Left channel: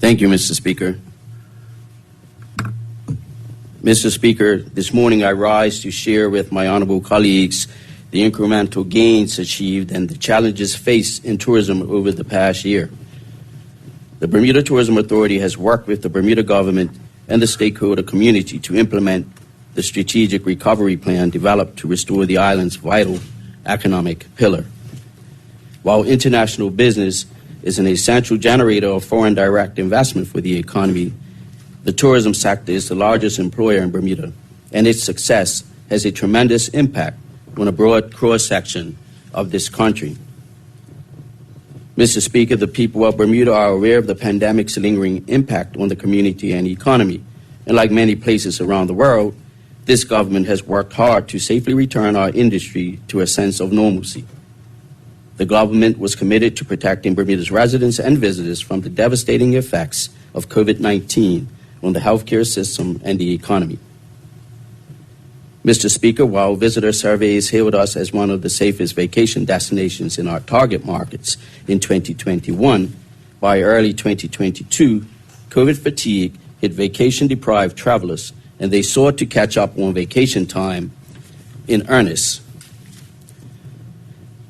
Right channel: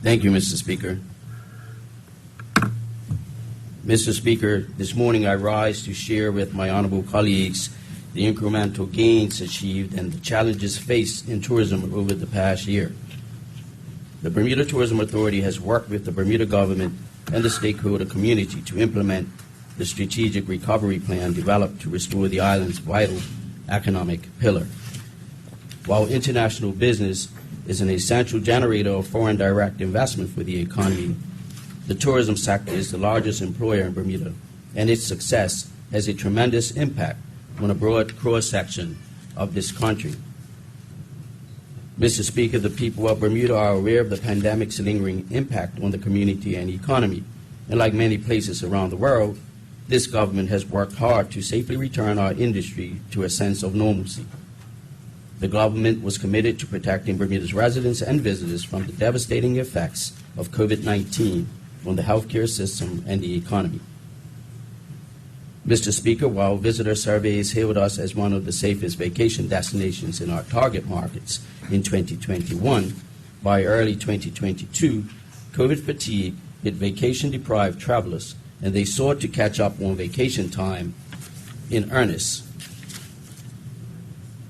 Thank you, Mr. Speaker. Mr. Speaker, this morning I rise to share with my honorable colleagues the incremental gains achieved and the challenges faced in tourism over the past year. The Bermuda Tourism Authority has worked with the Bermuda government and the stakeholder community to implement the strategic recovery plan developed to restore the island's vital economic pillar. While international business is an essential generator of foreign direct investment for the economy, the tourism sector is the largest employer in Bermuda, and its success has a tremendous impact on a broad cross-section of this country. Mr. Speaker, the people of Bermuda are aware of the pandemic's lingering impact on the community and economy, and like many places around the world, this government has worked hard to safely return our industry to a sense of normalcy. The government was committed to protecting Bermuda's residents and visitors from the devastating effects of COVID-19 on the healthcare system and the economy. Mr. Speaker, while visitor surveys hailed us as one of the safest vacation destinations in our target markets in 2021, by early 2022, COVID fatigue hit vacation-deprived travelers, and they sought to catch up on vacation time in earnest.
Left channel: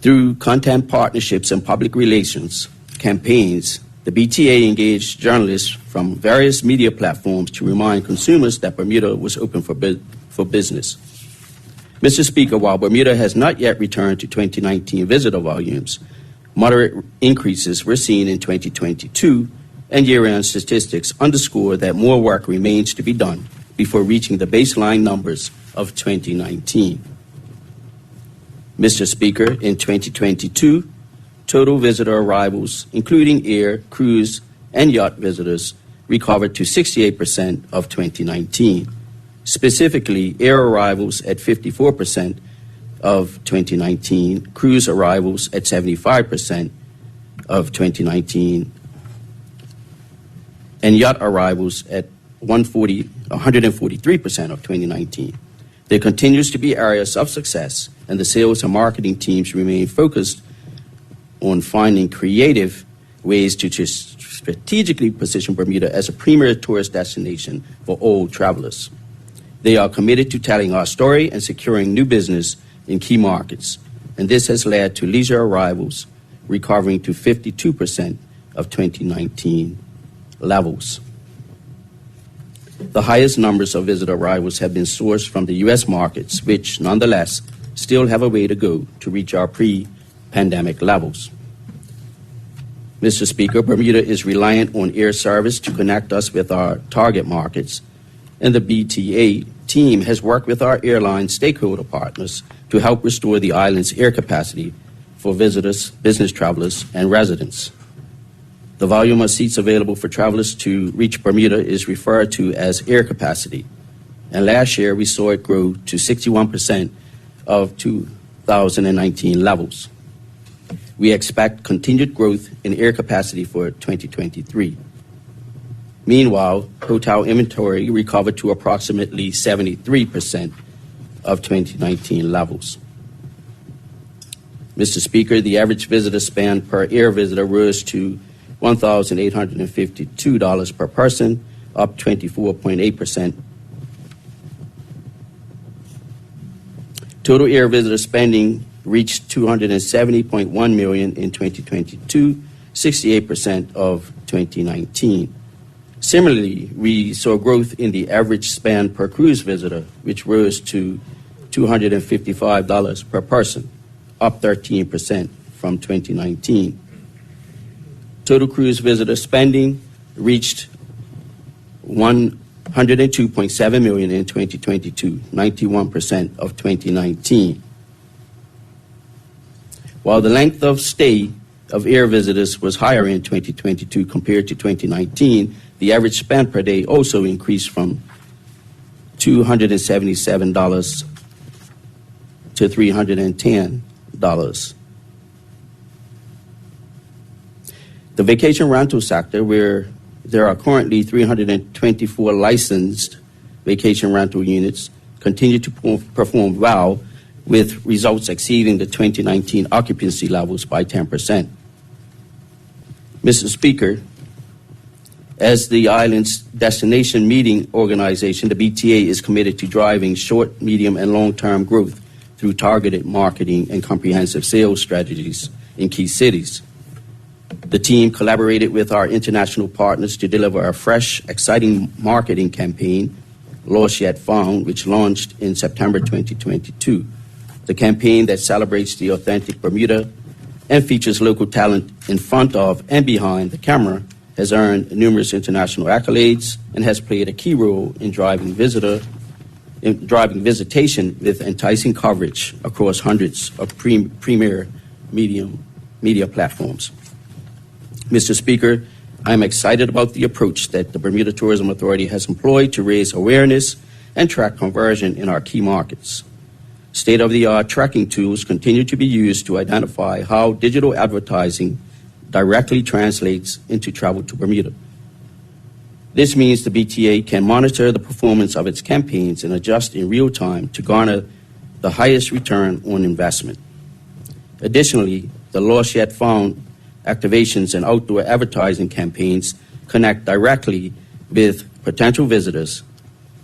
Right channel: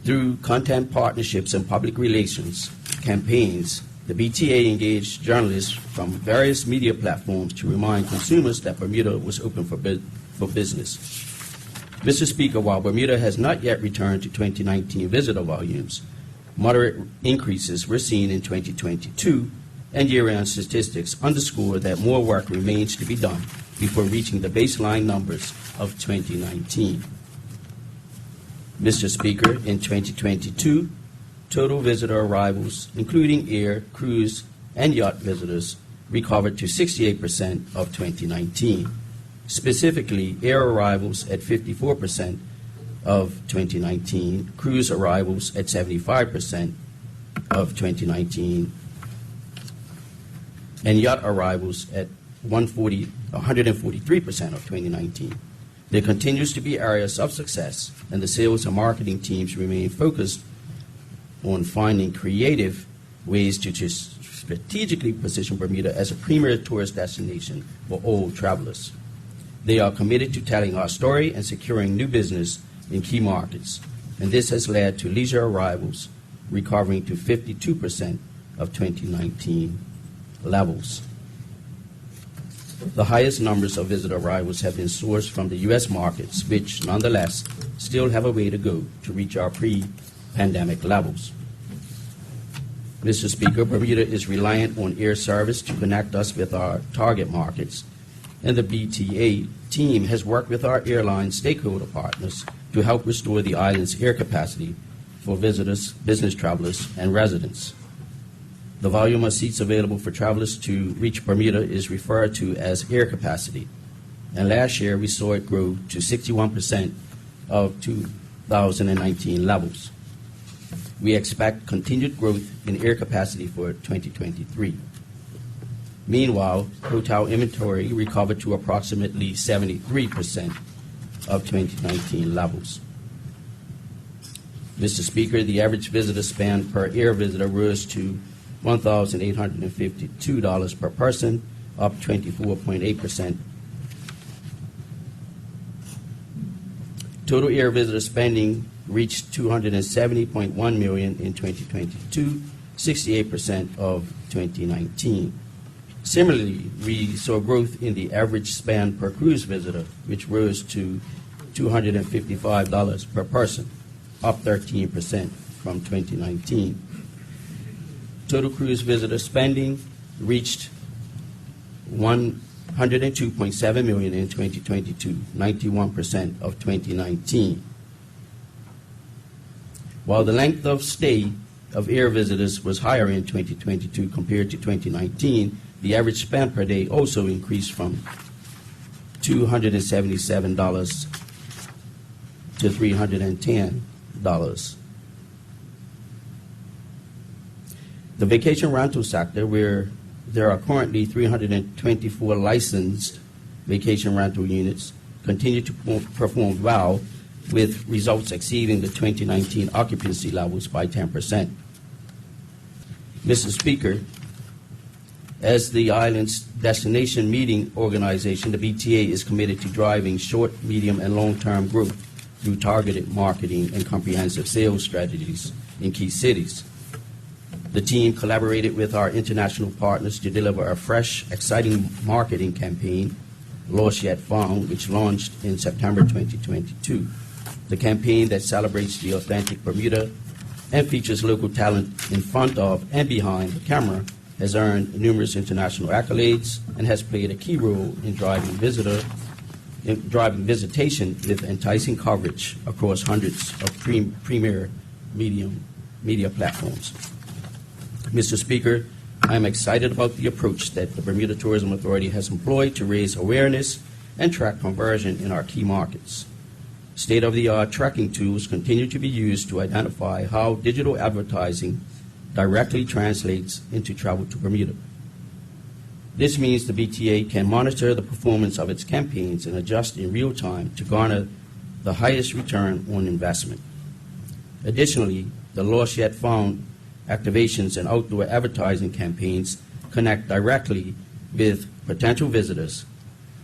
Through content partnerships and public relations campaigns, the BTA engaged journalists from various media platforms to remind consumers that Bermuda was open for business. Mr. Speaker, while Bermuda has not yet returned to 2019 visitor volumes, moderate increases were seen in 2022, and year-end statistics underscore that more work remains to be done before reaching the baseline numbers of 2019. Mr. Speaker, in 2022, total visitor arrivals, including air, cruise, and yacht visitors, recovered to 68% of 2019. Specifically, air arrivals at 54% of 2019, cruise arrivals at 75% of 2019, and yacht arrivals at 143% of 2019. There continues to be areas of success, and the sales and marketing teams remain focused on finding creative ways to strategically position Bermuda as a premier tourist destination for all travelers. They are committed to telling our story and securing new business in key markets, and this has led to leisure arrivals recovering to 52% of 2019 levels. The highest numbers of visitor arrivals have been sourced from the U.S. markets, which nonetheless still have a way to go to reach our pre-pandemic levels. Mr. Speaker, Bermuda is reliant on air service to connect us with our target markets, and the BTA team has worked with our airline stakeholder partners to help restore the island's air capacity for visitors, business travelers, and residents. The volume of seats available for travelers to reach Bermuda is referred to as air capacity, and last year we saw it grow to 61% of 2019 levels. We expect continued growth in air capacity for 2023. Meanwhile, hotel inventory recovered to approximately 73% of 2019 levels. Mr. Speaker, the average visitor spend per air visitor rose to $1,852 per person, up 24.8%. Total air visitor spending reached $270.1 million in 2022, 68% of 2019. Similarly, we saw growth in the average spend per cruise visitor, which rose to $255 per person, up 13% from 2019. Total cruise visitor spending reached $102.7 million in 2022, 91% of 2019. While the length of stay of air visitors was higher in 2022 compared to 2019, the average spend per day also increased from $277 to $310. The vacation rental sector, where there are currently 324 licensed vacation rental units, continue to perform well, with results exceeding the 2019 occupancy levels by 10%. Mr. Speaker, As the island's destination meeting organization, the BTA is committed to driving short, medium, and long-term growth through targeted marketing and comprehensive sales strategies in key cities. The team collaborated with our international partners to deliver a fresh, exciting marketing campaign, Lost Yet Found, which launched in September 2022. The campaign that celebrates the authentic Bermuda and features local talent in front of and behind the camera has earned numerous international accolades and has played a key role in driving visitation with enticing coverage across hundreds of premier media platforms. Mr. Speaker, I am excited about the approach that the Bermuda Tourism Authority has employed to raise awareness and track conversion in our key markets. State-of-the-art tracking tools continue to be used to identify how digital advertising directly translates into travel to Bermuda. This means the BTA can monitor the performance of its campaigns and adjust in real time to garner the highest return on investment. Additionally, the Lost Yet Found activations and outdoor advertising campaigns connect directly with potential visitors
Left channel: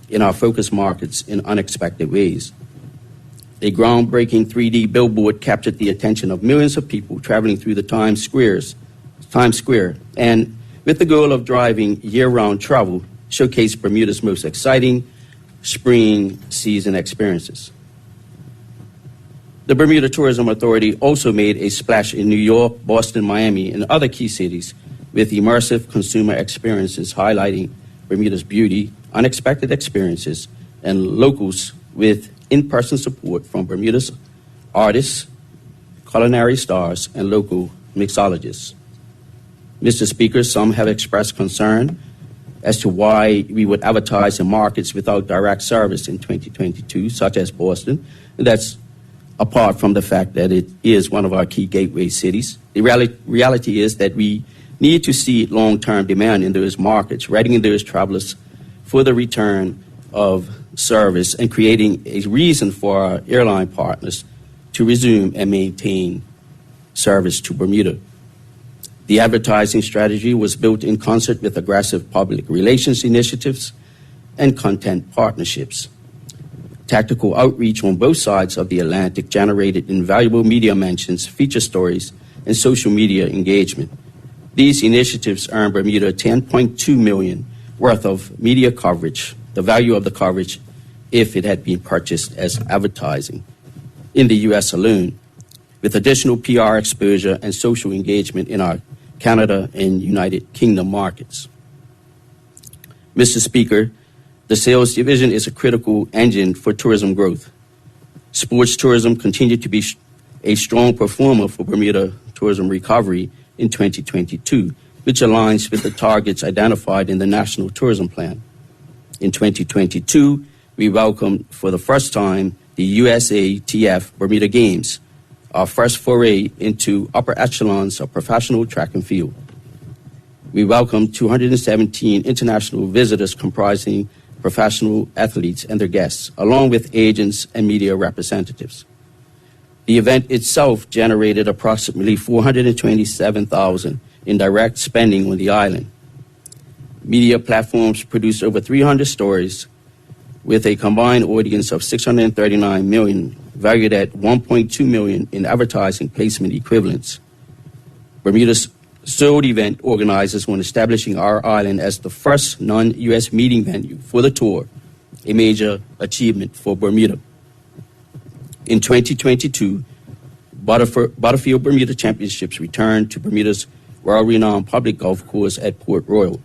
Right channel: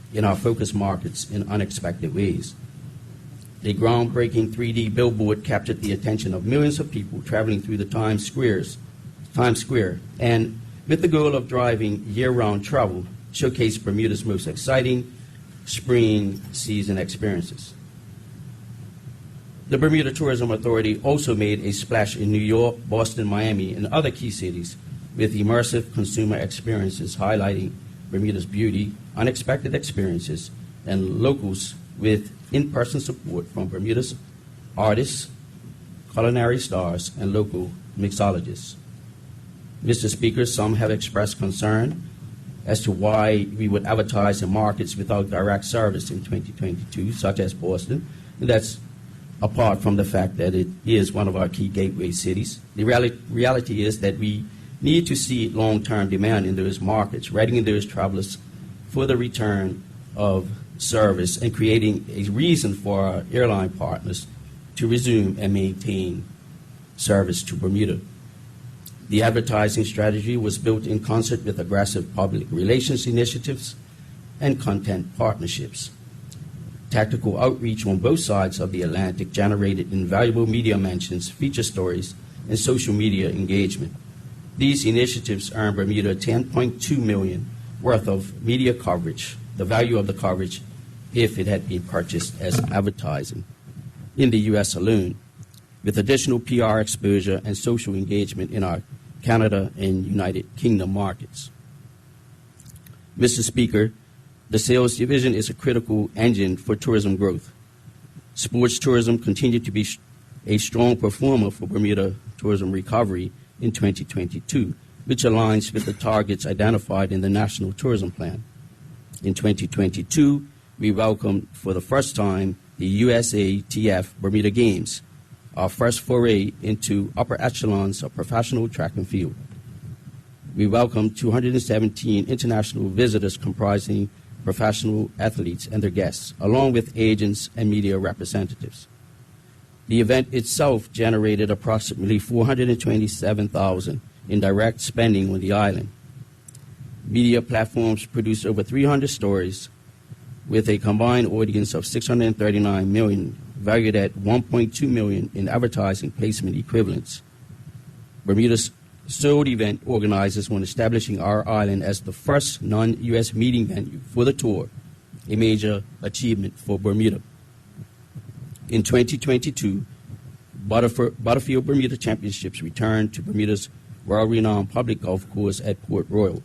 in our focus markets in unexpected ways. A groundbreaking 3D billboard captured the attention of millions of people traveling through the Times Square, and with the goal of driving year-round travel, showcased Bermuda's most exciting spring season experiences. The Bermuda Tourism Authority also made a splash in New York, Boston, Miami, and other key cities with immersive consumer experiences highlighting Bermuda's beauty, unexpected experiences, and locals with in-person support from Bermuda's artists, culinary stars, and local mixologists. Mr. Speaker, some have expressed concern as to why we would advertise in markets without direct service in 2022, such as Boston. And that's apart from the fact that it is one of our key gateway cities. The reality is that we need to see long-term demand in those markets, readying those travelers for the return of service and creating a reason for our airline partners to resume and maintain service to Bermuda. The advertising strategy was built in concert with aggressive public relations initiatives and content partnerships. Tactical outreach on both sides of the Atlantic generated invaluable media mentions, feature stories, and social media engagement. These initiatives earned Bermuda $10.2 million worth of media coverage, the value of the coverage if it had been purchased as advertising in the U.S. alone, with additional PR exposure and social engagement in our Canada and United Kingdom markets. Mr. Speaker, the sales division is a critical engine for tourism growth. Sports tourism continued to be a strong performer for Bermuda tourism recovery in 2022, which aligns with the targets identified in the National Tourism Plan. In 2022, we welcomed for the first time the USATF Bermuda Games, our first foray into upper echelons of professional track and field. We welcomed 217 international visitors comprising professional athletes and their guests, along with agents and media representatives. The event itself generated approximately $427,000 in direct spending on the island. Media platforms produced over 300 stories with a combined audience of 639 million, valued at $1.2 million in advertising placement equivalents. Bermuda's sold event organizers when establishing our island as the first non-U.S. meeting venue for the tour, a major achievement for Bermuda. In 2022, Butterfield Bermuda Championships returned to Bermuda's world-renowned public golf course at Port Royal.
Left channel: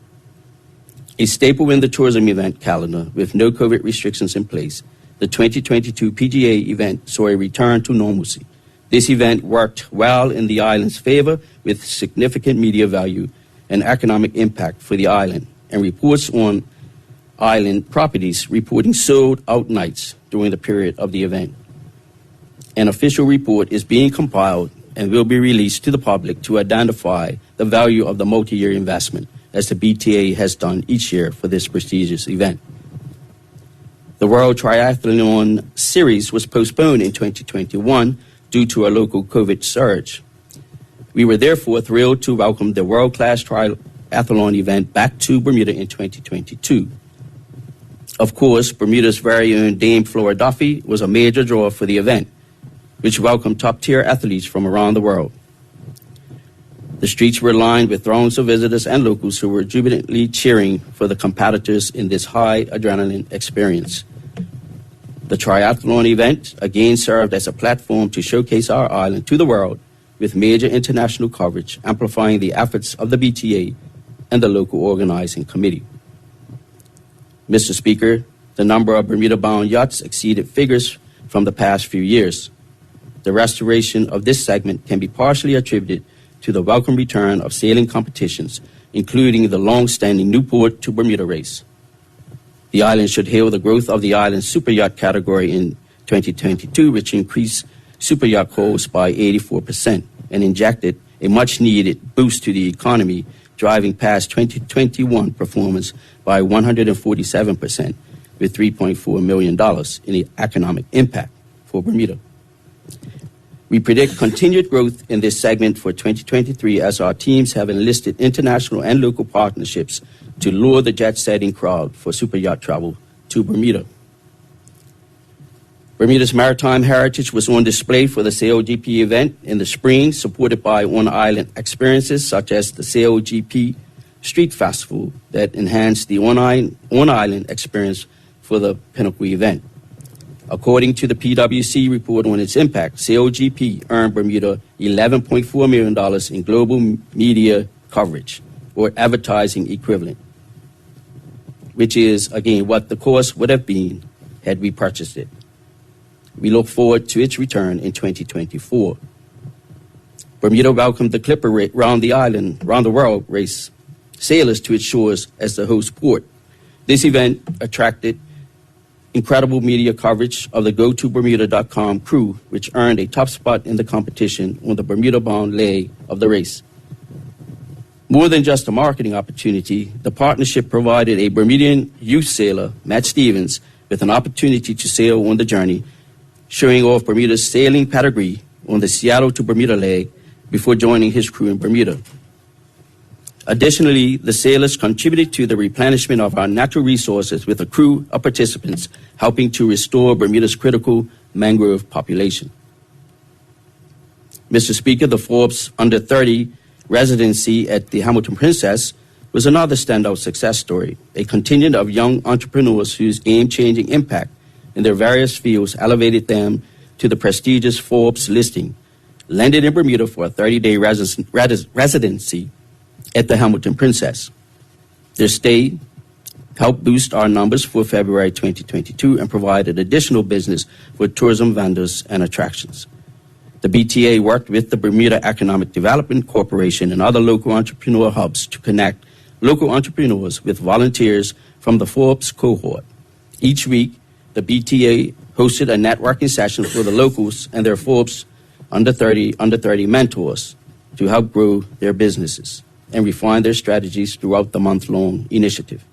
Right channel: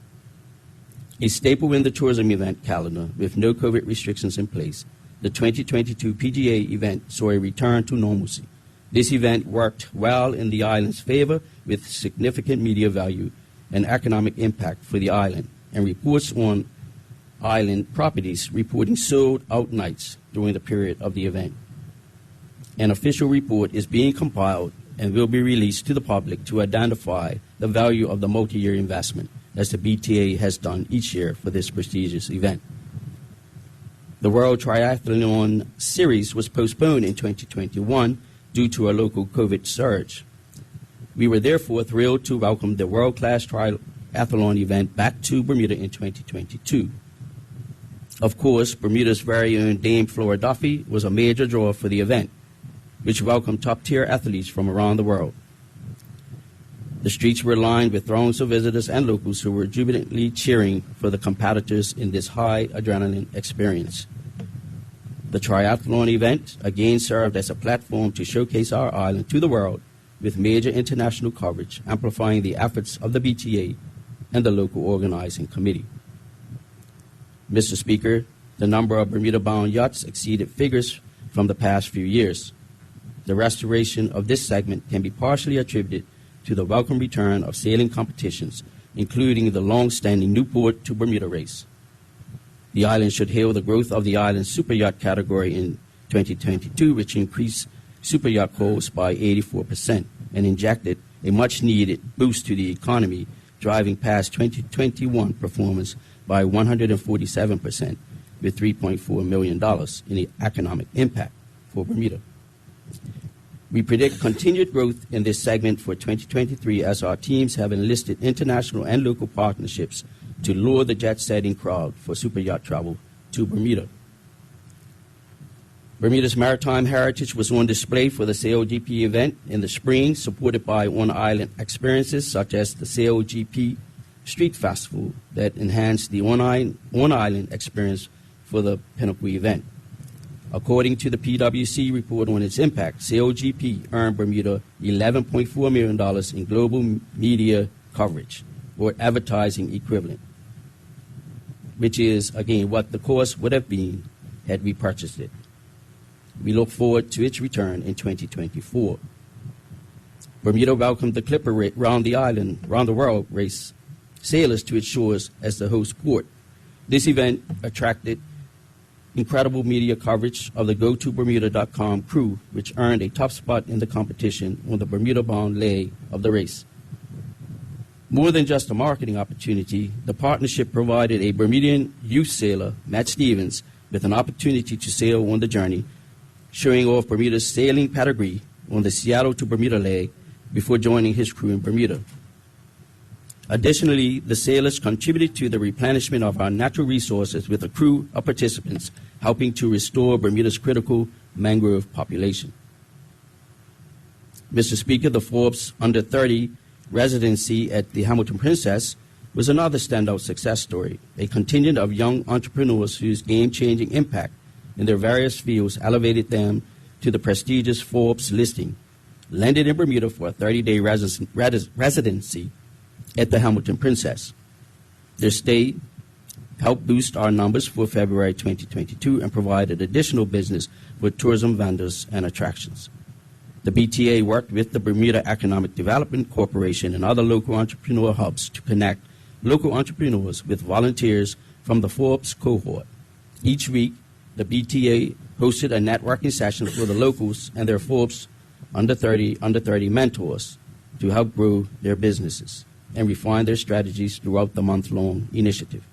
A staple in the tourism event calendar with no COVID restrictions in place, the 2022 PGA event saw a return to normalcy. This event worked well in the island's favor with significant media value and economic impact for the island, and reports on island properties reporting sold-out nights during the period of the event. An official report is being compiled and will be released to the public to identify the value of the multi-year investment, as the BTA has done each year for this prestigious event. The World Triathlon Series was postponed in 2021 due to a local COVID surge. We were therefore thrilled to welcome the world-class triathlon event back to Bermuda in 2022. Of course, Bermuda's very own Dame Flora Duffy was a major draw for the event, which welcomed top-tier athletes from around the world. The streets were lined with throngs of visitors and locals who were jubilantly cheering for the competitors in this high adrenaline experience. The triathlon event again served as a platform to showcase our island to the world with major international coverage, amplifying the efforts of the BTA and the local organizing committee. Mr. Speaker, the number of Bermuda-bound yachts exceeded figures from the past few years. The restoration of this segment can be partially attributed to the welcome return of sailing competitions, including the long-standing Newport to Bermuda race. The island should hail the growth of the island's super yacht category in 2022, which increased super yacht calls by 84% and injected a much-needed boost to the economy, driving past 2021 performance by 147%, with $3.4 million in the economic impact for Bermuda. We predict continued growth in this segment for 2023 as our teams have enlisted international and local partnerships to lure the jet-setting crowd for super yacht travel to Bermuda. Bermuda's maritime heritage was on display for the SailGP event in the spring, supported by on-island experiences such as the SailGP Street Festival that enhanced the on-island experience for the Pinnacle event. According to the PwC report on its impact, SailGP earned Bermuda $11.4 million in global media coverage, or advertising equivalent, which is, again, what the cost would have been had we purchased it. We look forward to its return in 2024. Bermuda welcomed the Clipper round the world race sailors to its shores as the host port. This event attracted incredible media coverage of the GoToBermuda.com crew, which earned a top spot in the competition on the Bermuda-bound leg of the race. More than just a marketing opportunity, the partnership provided a Bermudian youth sailor, Matt Stevens, with an opportunity to sail on the journey, showing off Bermuda's sailing pedigree on the Seattle to Bermuda leg before joining his crew in Bermuda. Additionally, the sailors contributed to the replenishment of our natural resources with a crew of participants helping to restore Bermuda's critical mangrove population. Mr. Speaker, the Forbes Under 30 residency at the Hamilton Princess was another standout success story, a contingent of young entrepreneurs whose game-changing impact in their various fields elevated them to the prestigious Forbes listing, landed in Bermuda for a 30-day residency at the Hamilton Princess. Their stay helped boost our numbers for February 2022 and provided additional business for tourism vendors and attractions. The BTA worked with the Bermuda Economic Development Corporation and other local entrepreneur hubs to connect local entrepreneurs with volunteers from the Forbes cohort. Each week, the BTA hosted a networking session for the locals and their Forbes Under 30 mentors to help grow their businesses and refine their strategies throughout the month-long initiative.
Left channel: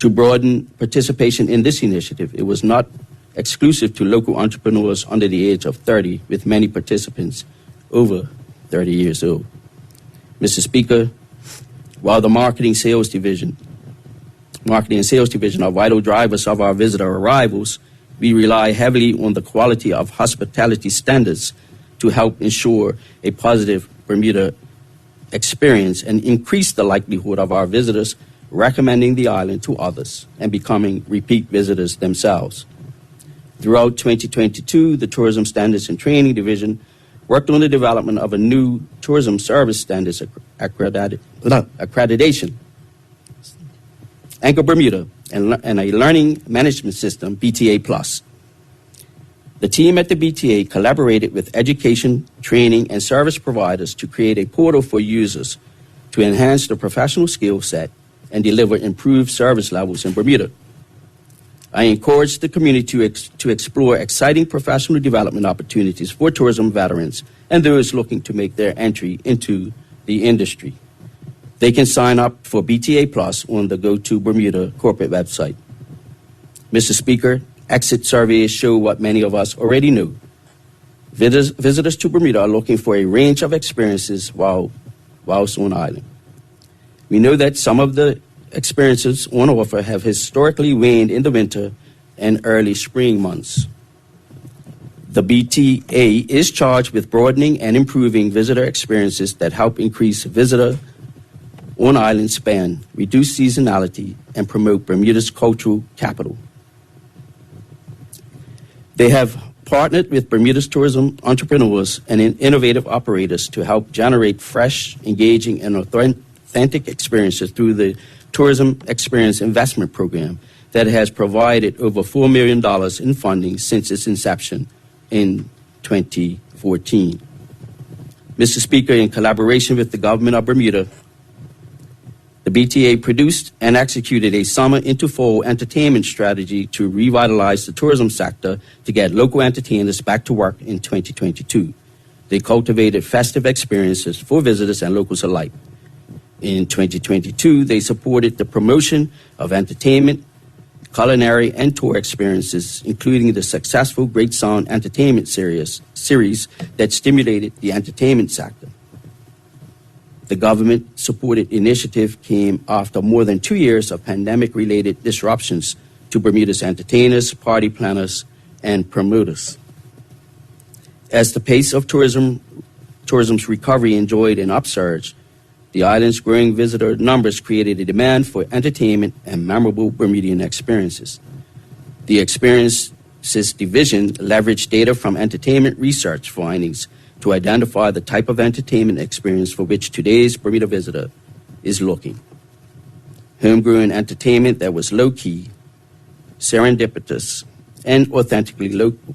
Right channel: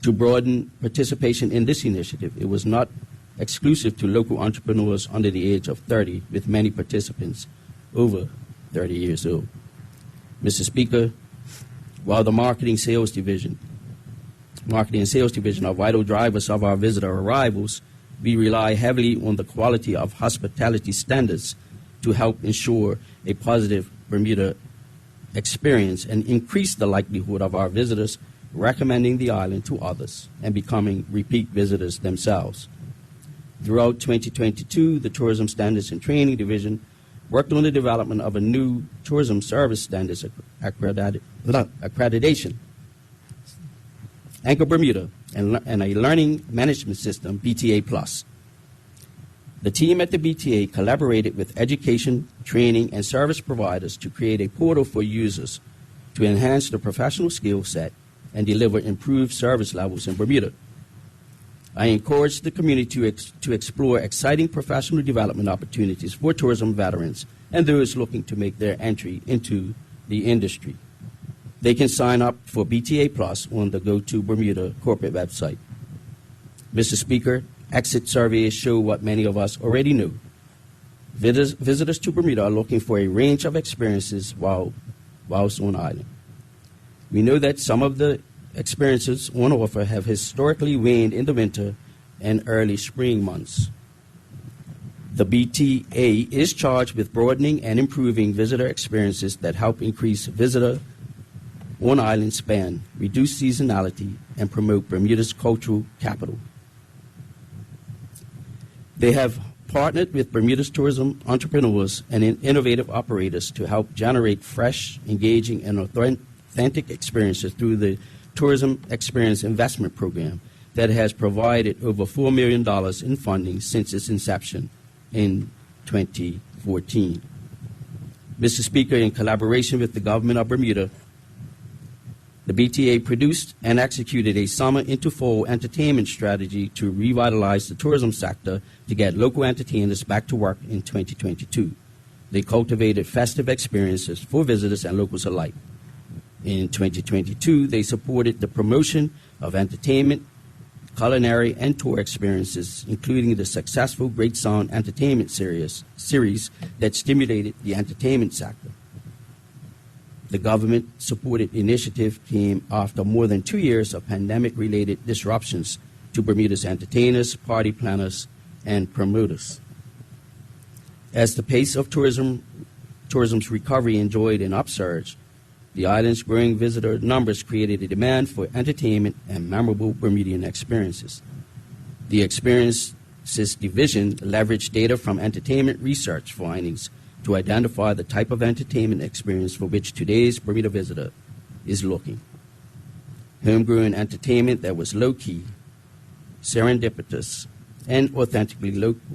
To broaden participation in this initiative, it was not exclusive to local entrepreneurs under the age of 30, with many participants over 30 years old. Mr. Speaker, while the marketing and sales division are vital drivers of our visitor arrivals, we rely heavily on the quality of hospitality standards to help ensure a positive Bermuda experience and increase the likelihood of our visitors recommending the island to others and becoming repeat visitors themselves. Throughout 2022, the Tourism Standards and Training Division worked on the development of a new tourism service standards accreditation, Anchor Bermuda, and a learning management system, BTA+. The team at the BTA collaborated with education, training, and service providers to create a portal for users to enhance their professional skill set and deliver improved service levels in Bermuda. I encourage the community to explore exciting professional development opportunities for tourism veterans and those looking to make their entry into the industry. They can sign up for BTA Plus on the Go to Bermuda corporate website. Mr. Speaker, exit surveys show what many of us already knew. Visitors to Bermuda are looking for a range of experiences whilst on island. We know that some of the experiences on offer have historically waned in the winter and early spring months. The BTA is charged with broadening and improving visitor experiences that help increase visitor on-island spend, reduce seasonality, and promote Bermuda's cultural capital. They have partnered with Bermuda's tourism entrepreneurs and innovative operators to help generate fresh, engaging, and authentic experiences through the Tourism Experience Investment Program that has provided over $4 million in funding since its inception in 2014. Mr. Speaker, in collaboration with the government of Bermuda, the BTA produced and executed a summer into fall entertainment strategy to revitalize the tourism sector to get local entertainers back to work in 2022. They cultivated festive experiences for visitors and locals alike. In 2022, they supported the promotion of entertainment, culinary, and tour experiences, including the successful Great Sound Entertainment series that stimulated the entertainment sector. The government-supported initiative came after more than 2 years of pandemic-related disruptions to Bermuda's entertainers, party planners, and promoters. As the pace of tourism's recovery enjoyed an upsurge, the island's growing visitor numbers created a demand for entertainment and memorable Bermudian experiences. The Experiences Division leveraged data from entertainment research findings to identify the type of entertainment experience for which today's Bermuda visitor is looking. Homegrown entertainment that was low-key, serendipitous, and authentically local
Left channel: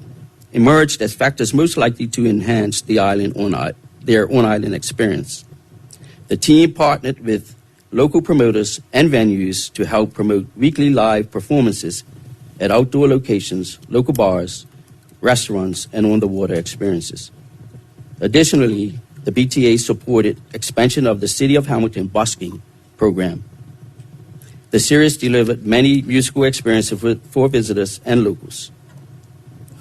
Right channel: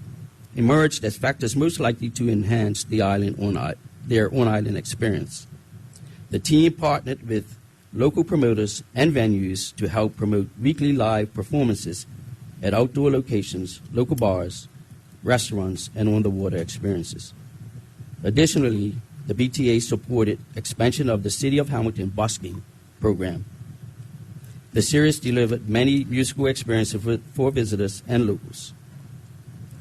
emerged as factors most likely to enhance their on-island experience. The team partnered with local promoters and venues to help promote weekly live performances at outdoor locations, local bars, restaurants, and on-the-water experiences. Additionally, the BTA supported expansion of the City of Hamilton busking program. The series delivered many musical experiences for visitors and locals.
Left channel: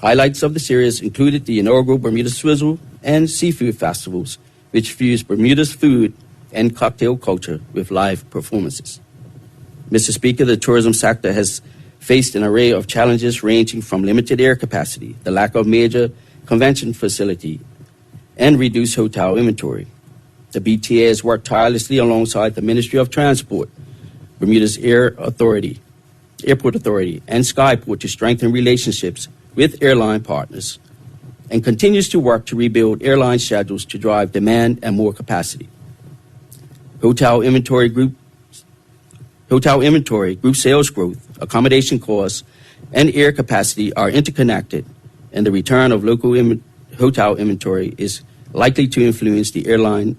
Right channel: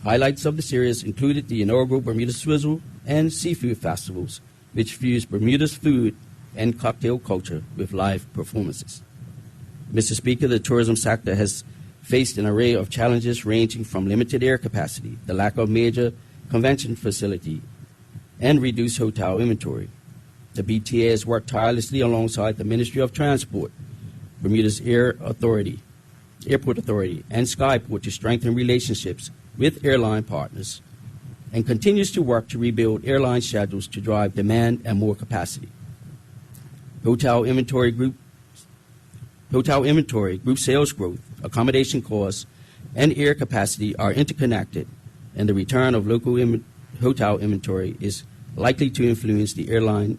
Highlights of the series included the inaugural Bermuda Swizzle and Seafood Festivals, which fused Bermuda's food and cocktail culture with live performances. Mr. Speaker, the tourism sector has faced an array of challenges ranging from limited air capacity, the lack of major convention facility, and reduced hotel inventory. The BTA has worked tirelessly alongside the Ministry of Transport, Bermuda's Airport Authority, and Skyport to strengthen relationships with airline partners, and continues to work to rebuild airline schedules to drive demand and more capacity. Hotel inventory, group sales growth, accommodation costs, and air capacity are interconnected, and the return of local hotel inventory is likely to influence the airline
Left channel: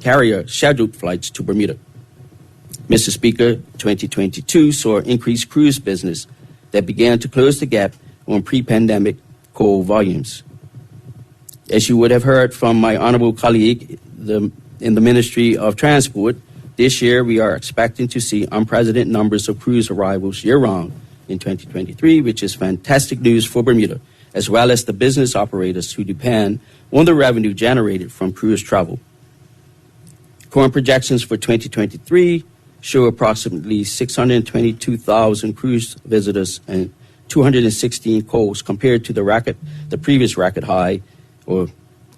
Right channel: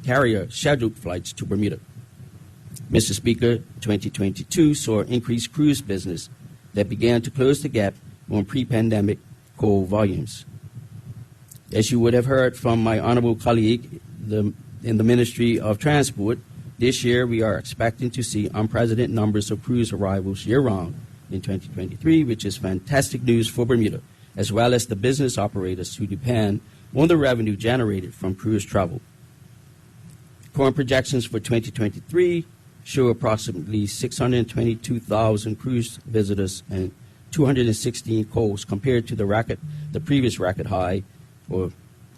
carrier scheduled flights to Bermuda. Mr. Speaker, 2022 saw increased cruise business that began to close the gap on pre-pandemic call volumes. As you would have heard from my honorable colleague in the Ministry of Transport, this year we are expecting to see unprecedented numbers of cruise arrivals year-round in 2023, which is fantastic news for Bermuda, as well as the business operators who depend on the revenue generated from cruise travel. Current projections for 2023 show approximately 622,000 cruise visitors and 216 calls compared to the previous record high, or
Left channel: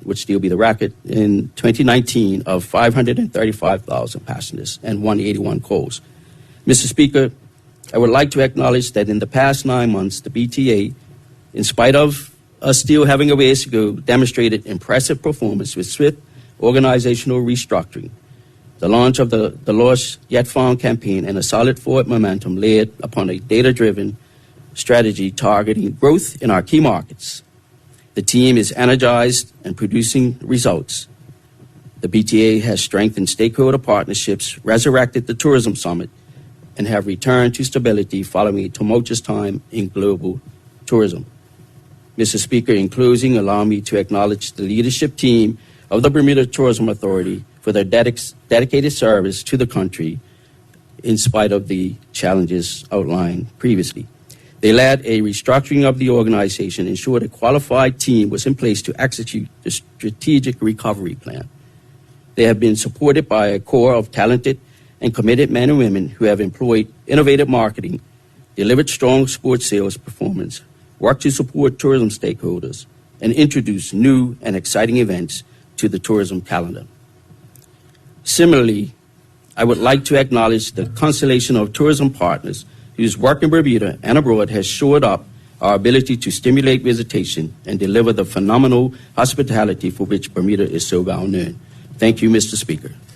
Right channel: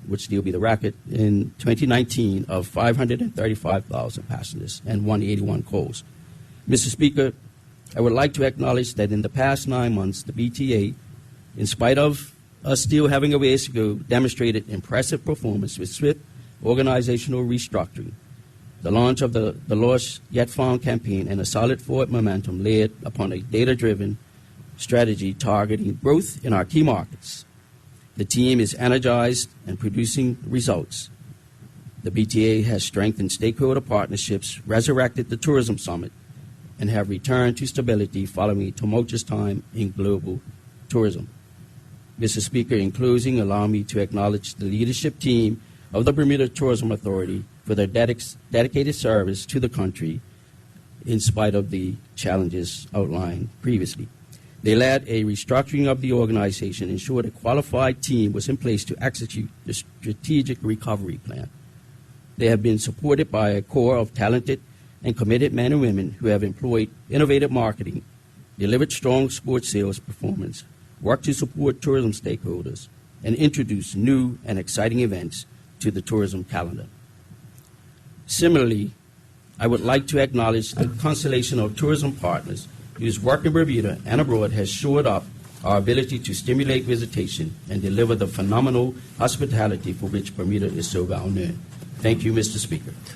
would still be the record, in 2019 of 535,000 passengers and 181 calls. Mr. Speaker, I would like to acknowledge that in the past 9 months, the BTA, in spite of us still having a ways to go, demonstrated impressive performance with swift organizational restructuring, the launch of the Lost Yet Found campaign, and a solid forward momentum laid upon a data-driven strategy targeting growth in our key markets. The team is energized and producing results. The BTA has strengthened stakeholder partnerships, resurrected the tourism summit, and have returned to stability following a tumultuous time in global tourism. Mr. Speaker, in closing, allow me to acknowledge the leadership team of the Bermuda Tourism Authority for their dedicated service to the country in spite of the challenges outlined previously. They led a restructuring of the organization, ensured a qualified team was in place to execute the strategic recovery plan. They have been supported by a core of talented and committed men and women who have employed innovative marketing, delivered strong sports sales performance, worked to support tourism stakeholders, and introduced new and exciting events to the tourism calendar. Similarly, I would like to acknowledge the constellation of tourism partners whose work in Bermuda and abroad has shored up our ability to stimulate visitation and deliver the phenomenal hospitality for which Bermuda is so well known. Thank you, Mr. Speaker.